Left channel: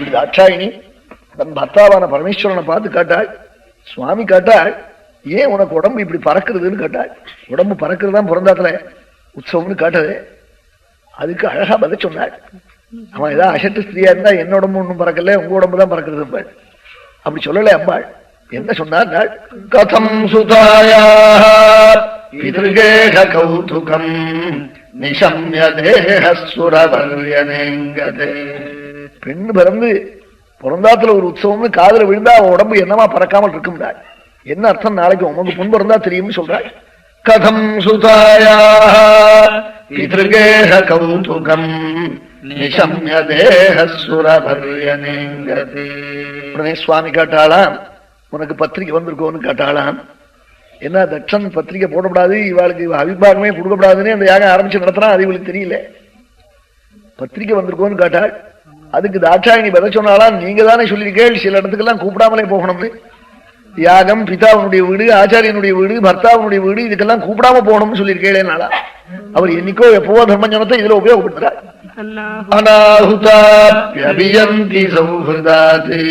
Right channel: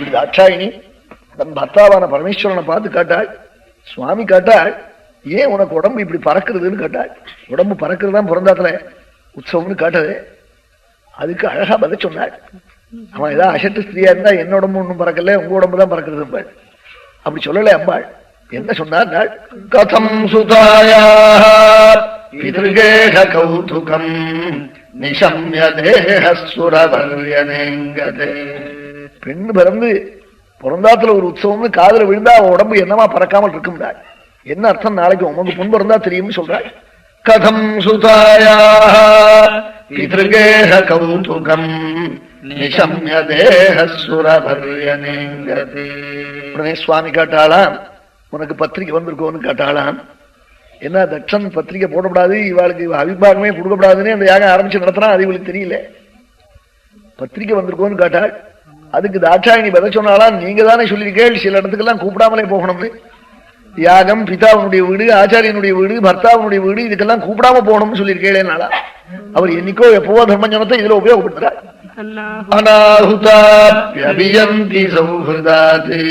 இப்படி தாட்சாயினி தன் பர்த்தாவான பரமேஸ்வரனை பார்த்து காட்டாள். சுவாமி காட்டாள், ஏன் உனக்கு உடம்பு இப்படி பறக்குறதுன்னு கேட்டாள். உடம்பு பறக்குறதுதான் பிறந்தாத்துல உற்சவம்னு காட்டது. அதுக்கு அழகா பதில் சொன்னாள். அவன் ஏதாவது அசட்டு ஸ்திரியா இருந்தா என்ன உடம்பு ஒன்றும் பறக்கல, உங்க உடம்பு தான் பறக்குறது. அப்படி சொல்லல அம்பாள். என்ன சொன்னார்? கதம் சுதாயா பிதృగேஹ கௌதுகம் நிஷம்ய தேஹசுரவர்யனேங்கதே. பெண் பிறந்தாத்துல ஒரு உற்சவம்னு காதல விழுந்தா அவன் உடம்பு என்னமா பறக்காமல் இருக்கும்டா. என்ன அர்த்தம்? நாளைக்கு உனக்கு பொன் பிறந்தா தெரியும்னு சொல்றாள். கதம் சுதாயா பிதృగேஹ கௌதுகம் நிஷம்ய தேஹசுரவர்யனேங்கதே. உடனே சுவாமி கேட்டாளாம், உனக்கு பத்திரிகை வந்திருக்கோன்னு கேட்டாளாம். என்ன தட்சன் பத்திரிகை போடப்படாது, இவாளுக்கு அபிபாகமே கொடுக்கப்படாதுன்னு அந்த யாகம் ஆரம்பிச்சு நடத்தினா அது இவளுக்கு தெரியல. பத்திரிகை வந்திருக்கோன்னு கேட்டாள். அதுக்கு தாட்சாயினி பதில் சொன்னாலாம், நீங்க தானே சொல்லியிருக்கேள் சில இடத்துக்கெல்லாம் கூப்பிடாமலே போகணும்னு. யாகம் பிதாவனுடைய வீடு, ஆச்சாரியனுடைய வீடு, பர்த்தாவனுடைய வீடு, இதுக்கெல்லாம் கூப்பிடாம போகணும்னு சொல்லியிருக்கேளேனாலா. அவர் என்னைக்கோ எப்பவோ தர்மஞானத்தை இதுல உபயோகப்படுத்துறார். அனாஹுதாப்யபியந்தி சௌஹ்ருதாதி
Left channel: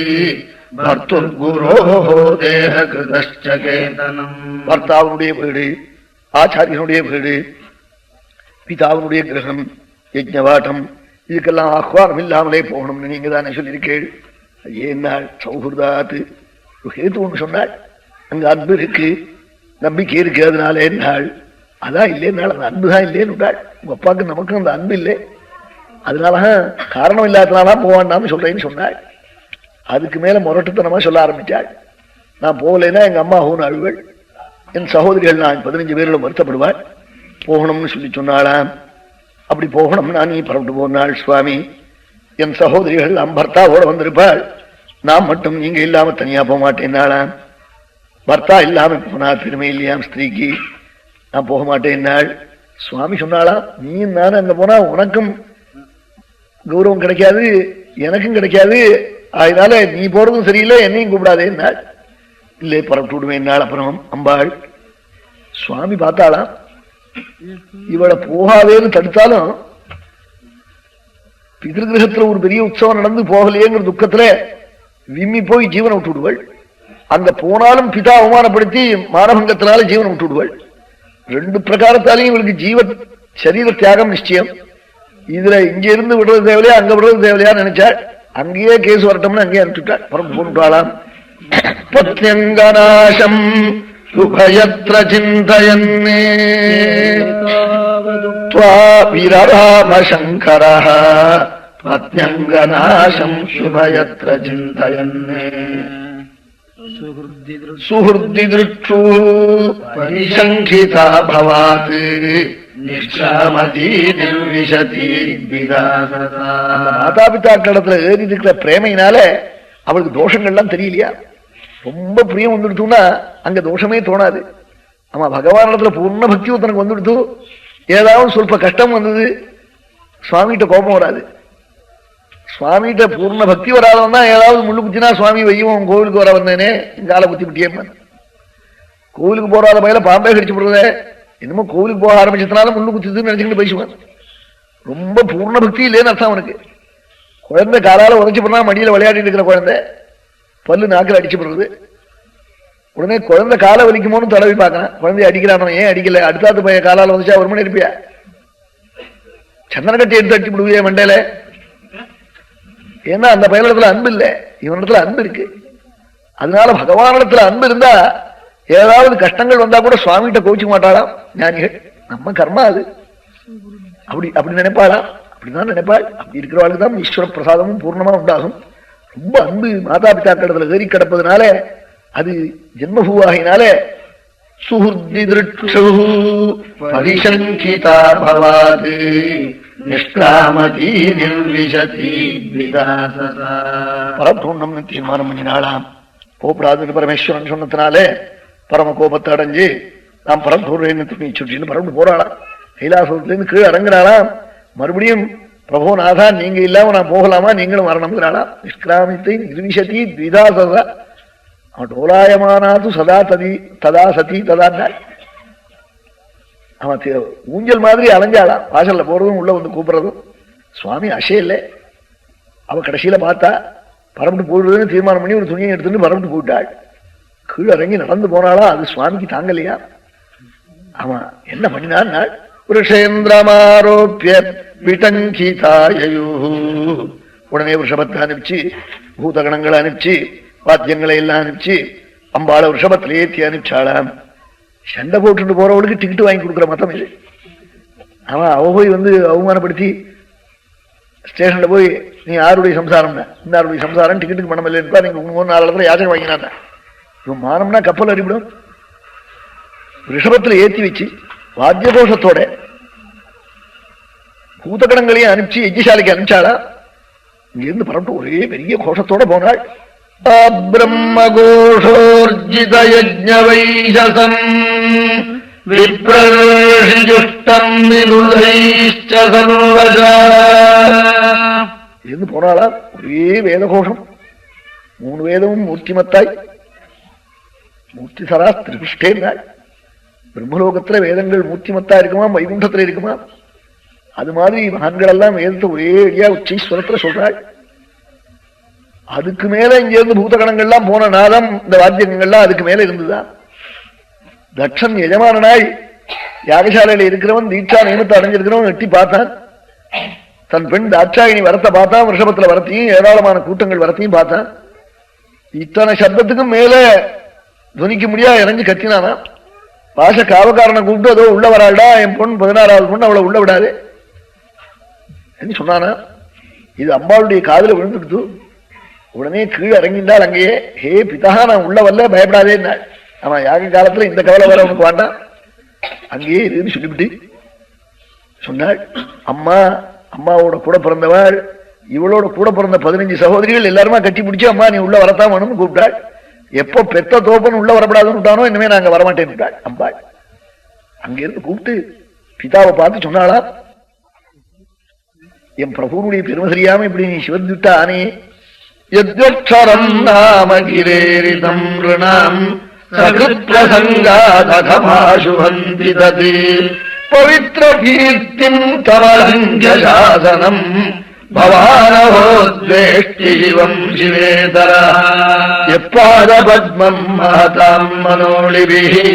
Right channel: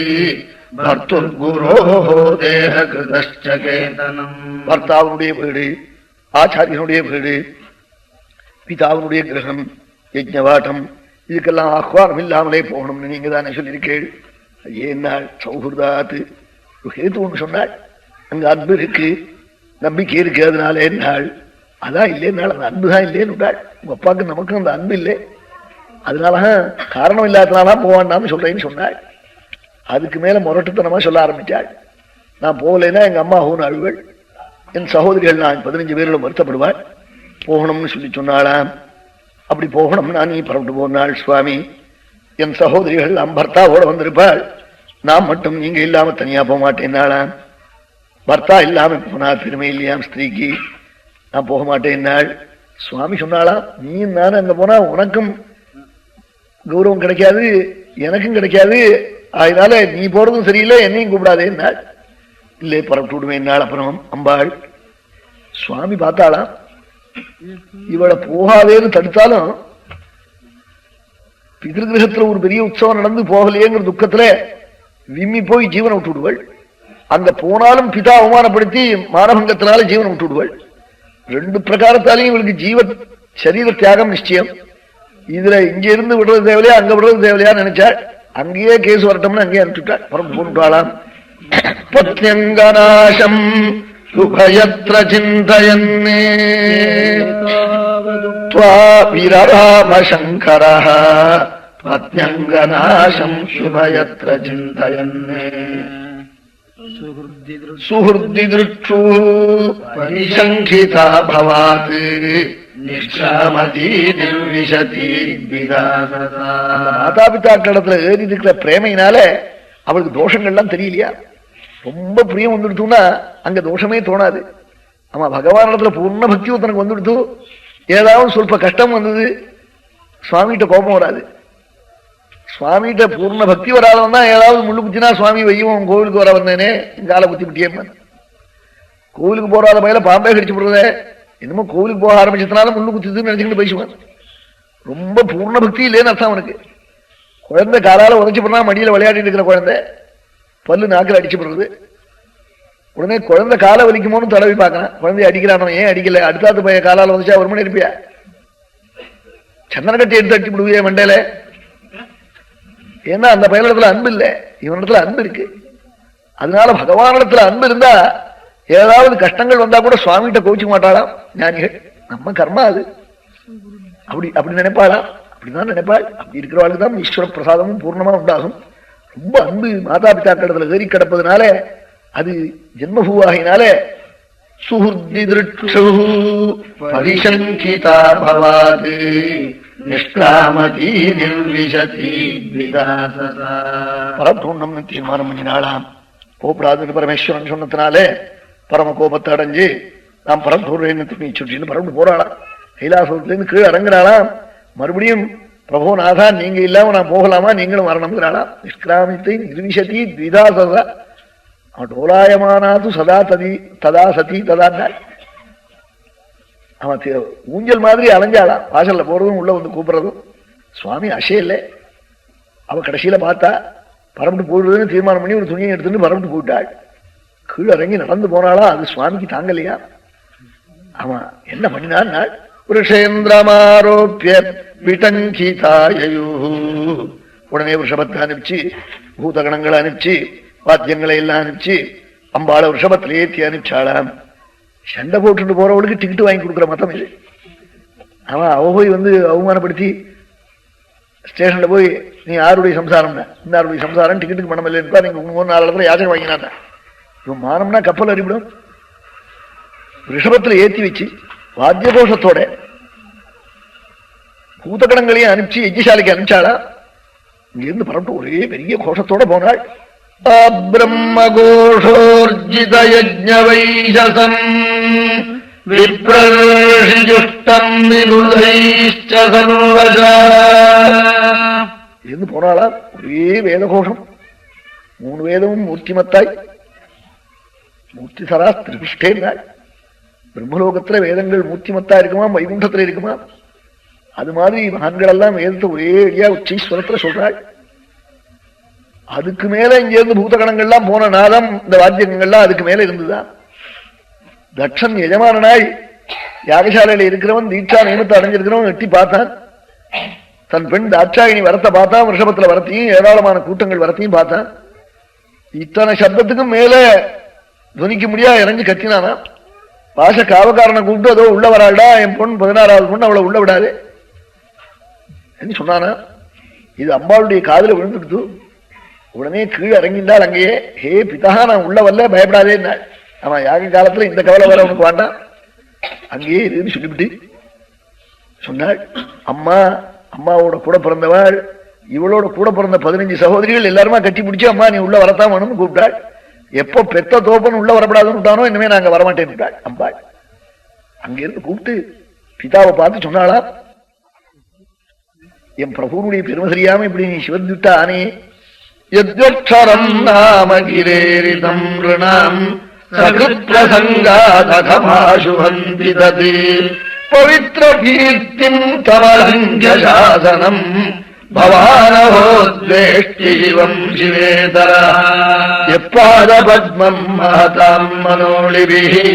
பர்த்தாவனுடைய வீடு, ஆச்சாரியனுடைய வீடு, பிதாவனுடைய கிரகம், யஜ்ஞவாட்டம், இதுக்கெல்லாம் ஆஹ்வானம் இல்லாமலே போகணும்னு நீங்க தானே சொல்லியிருக்கேள். ஏன்னாள் சௌஹ்ருதாத்து ஹேத்து ஒன்று சொன்னாள். அங்க அன்பு இருக்கு, நம்பிக்கை இருக்கு, அதனால என்னாள் அதான் இல்லைன்னாள். அந்த அன்புதான் இல்லேன்னு உங்க அப்பாவுக்கு நமக்கு அந்த அன்பு இல்லை, அதனாலதான் காரணம் இல்லாதனாலாம் போவான்னு சொல்றேன்னு சொன்னாள். அதுக்கு மேல முரட்டுத்தனமா சொல்ல ஆரம்பிச்சாள். நான் போகலைன்னா எங்க அம்மா ஹோன் அழுவள், என் சகோதரிகள் நான் 15 பேரில் வருத்தப்படுவாள், போகணும்னு சொல்லி சொன்னாளாம். அப்படி போகணும்னா நீ புறப்பட்டு போனாள் சுவாமி. என் சகோதரிகள் பர்த்தாவோட வந்திருப்பாள், நான் மட்டும் நீங்க இல்லாம தனியா போக மாட்டேன்னாளாம். பர்த்தா இல்லாம போனா பெருமை இல்லையாம் ஸ்திரீக்கு, நான் போக மாட்டேன்னாள். சுவாமி சொன்னாளாம், நீ நானே அங்க போனா உனக்கும் கௌரவம் கிடைக்காது, எனக்கும் கிடைக்காது, அதனால நீ போறதும் சரியில்லை, என்னையும் கூப்பிடாதேன்னாள். இல்லை புறப்பட்டு விடுவேன்னாள். அப்புறம் அம்பாள் சுவாமி பார்த்தாளாம், இவளை போகாதேன்னு தடுத்தாலும் பிதிருகிரகத்துல ஒரு பெரிய உற்சவம் நடந்து போகலையேங்கிற துக்கத்துல விம்மி போய் ஜீவனை விட்டு விடுவள். அங்க போனாலும் பிதா அவமானப்படுத்தி மானபங்கத்தினால ஜீவனை விட்டு விடுவள். 2 பிரகாரத்தாலையும் இவளுக்கு ஜீவ சரீர தியாகம் நிச்சயம். இதுல இங்க இருந்து விடுறது தேவையா அங்க விடுறது தேவையா நினைச்சாள். அங்கேயே கேஸ் வரட்டும்னு அங்கேயே அனுப்பிச்சுட்டாள். புறம் போட்டுட்டாளாம். பத்யங்கநாசம் சுபயத்ர சிந்தயன்னே விரராம சங்கரஹ பத்யங்கநாசம் சுபயத்ர சிந்தயன்னே சுஹ்ருதி திருஷ்டு பரிசங்கிதா பவாத் மாதாபிதாக்களிடத்துல ஏறி இருக்கிற பிரேமையினால அவளுக்கு தோஷங்கள்லாம் தெரியலையா. ரொம்ப பிரியம் வந்துடுத்துன்னா அங்க தோஷமே தோணாது. ஆமா, பகவான் இடத்துல பூர்ண பக்தி தனக்கு வந்துடுத்து, ஏதாவது சொல்ப கஷ்டம் வந்தது சுவாமிகிட்ட கோபம் வராது. சுவாமிகிட்ட பூர்ண பக்தி வராதவன் தான் ஏதாவது முள்ளு குத்தினா சுவாமி வையும் கோவிலுக்கு வர வந்தேனே இங்கால குத்தி விட்டியம்ம. கோவிலுக்கு போறாத பயில பாம்பே கடிச்சு போடுறதே, என்னமோ கோவிலுக்கு போக ஆரம்பிச்சதுனால முள்ளு குத்துதுன்னு நினைச்சுட்டு பேசுவான். ரொம்ப பூர்ண பக்தி இல்லைன்னு அர்த்தம் அவனுக்கு. குழந்தை காலால உதச்சு போனா மடியில விளையாடிட்டு இருக்கிற குழந்தை பல்லு நாக்கில் அடிச்சு போடுறது. உடனே குழந்தை காலை வலிக்குமோன்னு தடவி பார்க்கறான். குழந்தைய அடிக்கிறானோ, ஏன் அடிக்கல, அடுத்தாத்து பையன் காலால வந்துச்சா ஒரு மணி இருப்பியா, சந்தன கட்டி எடுத்து அடிச்சு விடுவியா மண்டையில. ஏன்னா அந்த பையனிடத்துல அன்பு இல்லை, இவனிடத்துல அன்பு இருக்கு. அதனால பகவானிடத்துல அன்பு இருந்தா ஏதாவது கஷ்டங்கள் வந்தா கூட சுவாமிகிட்ட கோச்சிக்க மாட்டாளாம் ஞானிகள். நம்ம கர்மா அது, அப்படி நினைப்பாளாம். அப்படிதான் நினைப்பாள். அப்படி இருக்கிறவாளுக்கு தான் ஈஸ்வர பிரசாதமும் பூர்ணமா உண்டாகும். ரொம்ப அன்பு மாதா பிதாக்களிடத்துல ஏறி கிடப்பதுனால அது ஜென்மபூவாகினால சுஹ்ருதி திருஷ்டு பரிசங்கிதா பவாத் நிஷ்காமதி நிர்விஷதி விதாசதா. பரபூர்ணம்னு தீர்மானம் பண்ணினாலாம். கோபடாதுன்னு பரமேஸ்வரன் சொன்னதுனாலே பரம கோபத்தை அடைஞ்சு நாம் பரம்பூர்ணு சுற்றின்னு பரம்பு போறாளாம். கைலாசத்திலிருந்து கீழே இறங்குறாளாம். மறுபடியும் பிரபு நாதா நீங்க இல்லாம நான் போகலாமா, நீங்களும் வரணுங்கிறாளாம். நிஷ்கிராமித்தை நிர்விஷதி த்விதாசதா. அவன் டோலாயமானாது சதா ததா சதி ததான்னாள். அவன் ஊஞ்சல் மாதிரி அலைஞ்சாளாம். வாசல்ல போறதும் உள்ள வந்து கூப்பிடுறதும். சுவாமி அசையில்லை. அவ கடைசியில பார்த்தா பரப்பிட்டு போடுறதுன்னு தீர்மானம் பண்ணி ஒரு துணியை எடுத்துட்டு பரப்பிட்டு போயிட்டாள். கீழே இறங்கி நடந்து போனாளா, அது சுவாமிக்கு தாங்கலையா. ஆமா, என்ன பண்ணினார், புருஷேந்திரமாரோப்பிய விடங்கிதாயு, உடனே ரிஷபத்தை அனுப்பிச்சு, பூதகணங்களை அனுப்பிச்சு, வாத்தியங்களை எல்லாம் அனுப்பிச்சு, அம்பாளை ரிஷபத்திலே ஏற்றி அனுப்பிச்சாளாம். சண்டை போட்டுட்டு போறவளுக்கு டிக்கெட் வாங்கி கொடுக்குற மத்தம் இல்லை. அவன் அவ போய் அவமானப்படுத்தி ஸ்டேஷன்ல போய், நீ யாருடைய சம்சாரம், இன்னாருடைய சம்சாரம், டிக்கெட்டுக்கு பணம் இல்லைன்னு நீங்க 3-4 இடத்துல யாச்சகம் வாங்கினான். இவன் மானம்னா கப்பல் அடிவிடும். ரிஷபத்துல ஏற்றி வச்சு வாத்திய கோஷத்தோட பூதகணங்களையும் அனுப்பிச்சு யஜ்ஞசாலைக்கு அனுப்பிச்சாளா. இங்கிருந்து பரப்பிட்டு ஒரே பெரிய கோஷத்தோட போனாள். பிரம்மகோஷோர்ஜித யஜ்ஞவைஜசம் விப்ரஜுஷ்டம் இருந்து போனாளா. ஒரே வேத கோஷம், 3 வேதமும் மூர்த்திமத்தாய், மூர்த்திசரா திரிபுஷ்டே நாள். பிரம்மலோகத்துல வேதங்கள் மூர்த்திமத்தா இருக்குமா, வைகுண்டத்துல இருக்குமா? அது மாதிரி மகான்கள் எல்லாம் வேதத்தை ஒரே அடியா உச்சீஸ்வரத்துல சொல்றாள். அதுக்கு மேல இங்க இருந்து பூதகணங்கள்லாம் போன நாதம், இந்த வாத்தியங்கள்லாம் அதுக்கு மேல இருந்துதான். தட்சன் எஜமானனாய் யாகசாலையில இருக்கிறவன் தீட்சா நியமத்தை அடைஞ்சிருக்கிறவன் எட்டி பார்த்தான். தன் பெண் தாட்சாயினி வரத்தை பார்த்தான், ரிஷபத்துல வரத்தையும் ஏராளமான கூட்டங்கள் வரத்தையும் பார்த்தான். இத்தனை சப்தத்துக்கும் மேல துணிக்க முடியா இறங்கி கத்தினானா. பாச காவக்காரனை கூப்பிட்டு, அதோ உள்ள வராள்டா என் பொண்ணு, 16வது பொண்ணு, அவளை உள்ள விடாது சொன்னானா. இது அம்பாளுடைய காதல விழுந்துடுத்து. உடனே கீழே இறங்கினாள். அங்கேயே, ஹே பிதா, நான் உள்ள வரல, பயப்படாதே. அவன் யாக காலத்துல இந்த கவலை வர உனக்கு வேண்டாம், அங்கேயே இதுன்னு சொல்லிவிட்டு சொன்னாள். அம்மாவோட கூட பிறந்தவள், இவளோட கூட பிறந்த 15 சகோதரிகள் எல்லாருமா கட்டி பிடிச்சி, அம்மா நீ உள்ள வரத்தான் வேணும்னு கூப்பிட்டாள். எப்போ பெத்த தோப்பன் உள்ள வரப்படாதுன்னு விட்டானோ, இனிமே நாங்க வரமாட்டேன் விட்டாள் அம்பாள். அங்கிருந்து கூப்பிட்டு பிதாவை பார்த்து சொன்னாளா, என் பிரபுனுடைய பெருமை தெரியாம இப்படி நீ சிவந்துட்டா ஆனே. யத்யக்ஷரம் நாம கிரேரிதம் ருணாம் சகிருத்ரசங்காதமாசு வந்திததே பவித்ர கீர்த்திம் கமலஞ்சசாசனம் பவானஹோத்வேஷ்டி சிவம் சிவேதரா யப்பாத பத்மம் மஹதாம் மனோளிபிஹி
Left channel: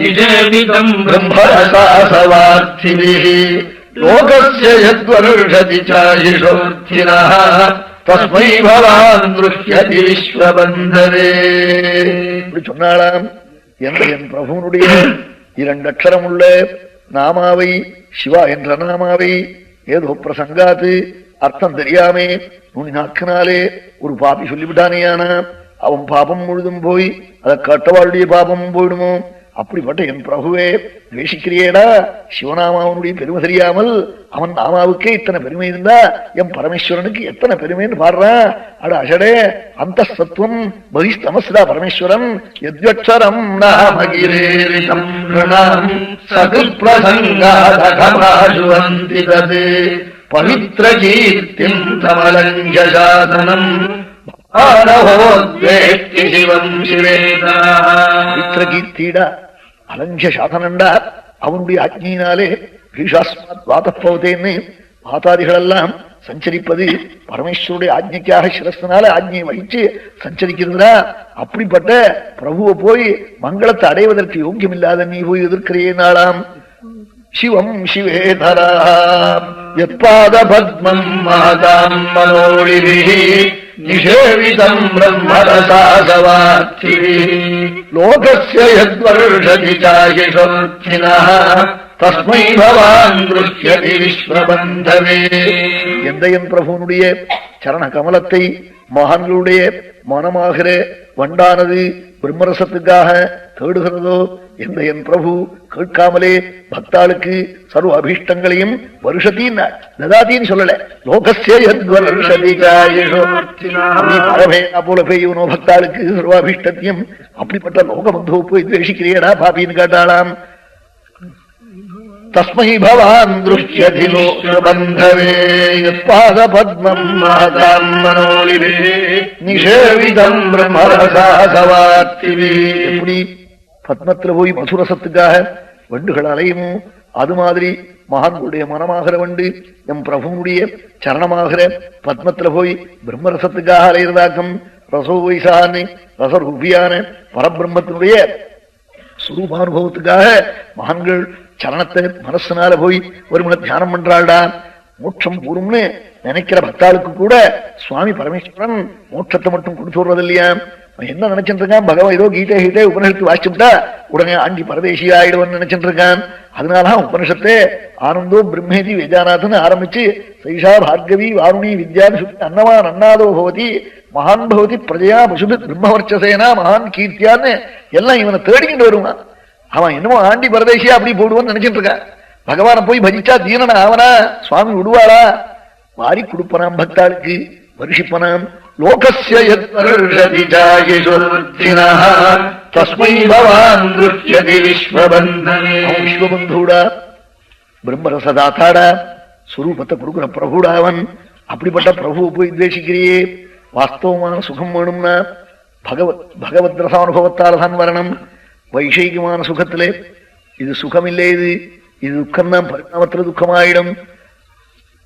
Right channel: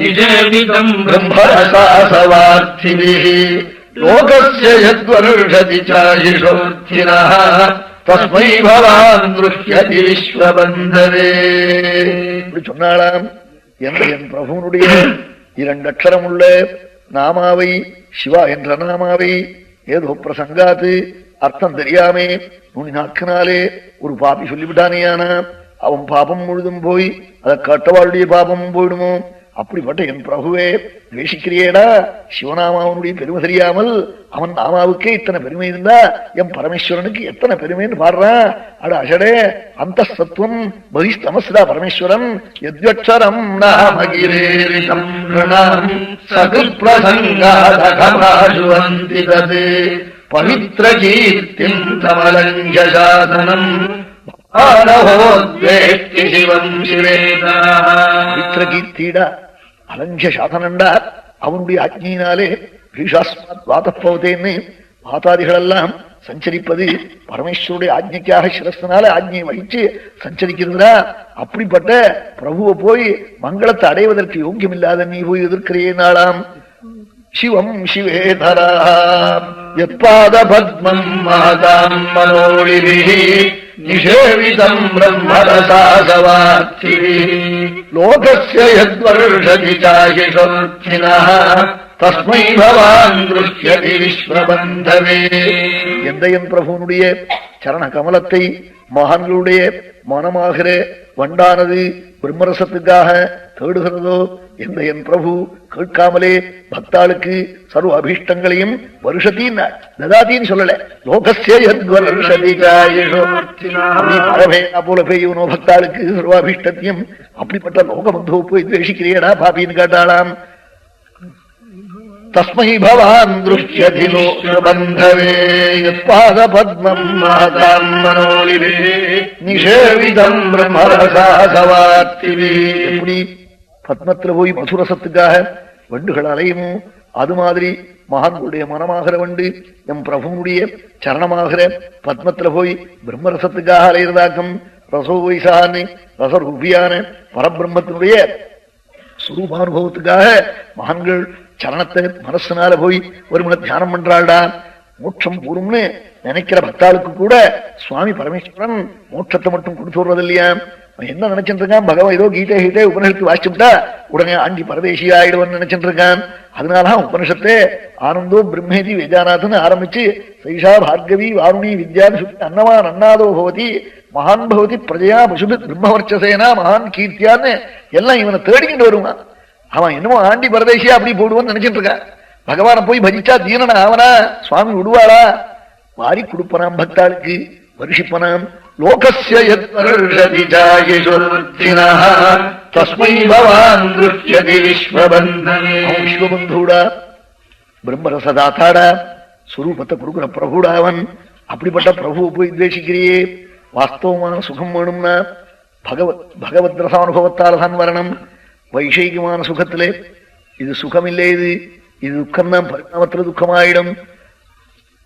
நிஜேவிதம் பிரம்மரசாசவார்த்திபிஹி லோகஸ்ய யத்வருஷதி சாயிஷோர்த்தினஹ தஸ்மை பவான் ருஷ்யதி விஸ்வபந்தவே. இப்படி சொன்னாலாம். என் பிரபுனுடைய 2 அக்ஷரம் உள்ள நாமாவை, சிவா என்ற நாமாவை ஏதோ பிரசங்காத்து அர்த்தம் தெரியாமே நுனி நாக்கினாலே ஒரு பாப்பி சொல்லிவிட்டானேயானா, அவன் பாபம் முழுதும் போய் அதை கட்டவாளுடைய பாபமும் போயிடுமோ. அப்படிப்பட்ட என் பிரபுவே வேஷிக்கிறியேடா, சிவநாமாவனுடைய பெருமை தெரியாமல் அவன் நாமாவுக்கே இத்தனை பெருமை இருந்தா என் பரமேஸ்வரனுக்கு எத்தனை பெருமைன்னு பாடுறான். அட அஷடே அந்த சத்துவம் பகிஸ்தமஸ்தா பரமேஸ்வரம் யத்யக்ஷரம் நாமகிரேரிதம் ருணாம் சகிருத்ரசங்காதமாசு வந்திததே பவித்ர கீர்த்திம் கமலஞ்சசாசனம் கீர்த்திடா அலஞ்ச சாதனண்டா அவனுடைய அக்னியினாலே பீஷாஸ்மாத் வாதப்போதேன்னு வாதாதிகள் எல்லாம் சஞ்சரிப்பது பரமேஸ்வருடைய ஆஜ்ஞைக்காக சிரஸ்தனால ஆஜ்ஞையை வகிச்சு சஞ்சரிக்கிறதுனா. அப்படிப்பட்ட பிரபுவை போய் மங்களத்தை அடைவதற்கு யோக்கியம் இல்லாத நீ போய் எதிர்க்கிறேனாளாம். சிவம் சிவேதரா யத்பாத பத்மம் மஹதாம் மனோளிபிஹி நிஷேவிதம் பிரம்மரசாசவார்த்திபிஹி லோகஸ்ய யத்வருஷதி சாயிஷோர்த்தினஹ தஸ்மை பவான் ருஷ்யதி விஸ்வபந்தவே. எந்த என் பிரபுனுடைய சரண கமலத்தை மகான்களுடைய மனமாகிற வண்டானது பிரம்மரசத்துக்காக தேடுகிறதோ, எந்த என் பிரபு கேட்காமலே பக்தாளுக்கு சர்வ அபீஷ்டங்களையும் வருஷத்தின் ததாத்தின்னு சொல்லல. லோகஸ்ய யத்வருஷதி போல பெய்யவனோ பக்தாளுக்கு சர்வ அபீஷ்டத்தையும். அப்படிப்பட்ட லோகபந்தோ போய் துவேஷிக்கிறேடா பாபின்னு கேட்டாளாம். தஸ்மை பவான் துஷ்யதி லோகபந்தவே யத்பாத பத்மம் மஹதாம் மனோளிபிஹி நிஷேவிதம் பிரம்மரசாசவார்த்திபிஹி. எப்படி பத்மத்துல போய் மதுரசத்துக்காக வண்டுகள் அலையுமோ, அது மாதிரி மகான்களுடைய மனமாகிற வண்டு எம் பிரபுனுடைய சரணமாகிற பத்மத்துல போய் பிரம்மரசத்துக்காக அலைகிறதாக்கம் ரசோ வைசான்னு ரசரூபியான பரபிரம்மத்தினுடைய சுரூபானுபவத்துக்காக மகான்கள் சரணத்தை மனசுனால போய் ஒரு மணி தியானம் பண்றாள்டா. மோட்சம் கூறும்னு நினைக்கிற பக்தாளுக்கு கூட சுவாமி பரமேஸ்வரன் மோட்சத்தை மட்டும் கொடுத்து விடுறது இல்லையா. என்ன நினைச்சிட்டு இருக்கான், பகவான் ஏதோ கீதை உபனிஷத்து வாசிச்சுட்டா உடனே ஆண்டி பரதேசி ஆயிடுவன்னு நினைச்சிட்டு இருக்கான். அதனாலதான் உபனிஷத்தை ஆனந்தோ பிரம்மேதி வேதாநாதன் ஆரம்பிச்சு சைஷா பார்கவி வாருணி வித்யான்னு சொல்லி அன்னவான் அன்னாதோ பவதி மகான் பவதி பிரஜையா பசுபி பிரம்மவர்ச்சசேனா மகான் கீர்த்தியான்னு எல்லாம் இவனை தேடிக்கிட்டு வருவான். அவன் என்னமோ ஆண்டி பரதேசியா அப்படி போடுவான்னு நினைச்சிட்டு இருக்கான். பகவானை போய் பஜிச்சா தீரன ஆவனா, சுவாமி விடுவாளா? வாரி கொடுப்பனாம் பக்தாளுக்கு, வருஷிப்பனாம். லோகஸ்ய தஸ்மை பவான் விஸ்வபந்தூடா, பிரம்மரசதாத்தாடா, சுரூபத்தை கொடுக்குற பிரபுடாவன். அப்படிப்பட்ட பிரபுவை போய் துவேஷிக்கிறியே. வாஸ்தவமான சுகம் வேணும்னா பகவத் ரசானுபவத்தால் தான் வரணும். வைஷயிகமான சுகத்திலே இது சுகம் இல்லை, இது துக்கம் தான் பரிணாமத்துல துக்கமாயிடும்.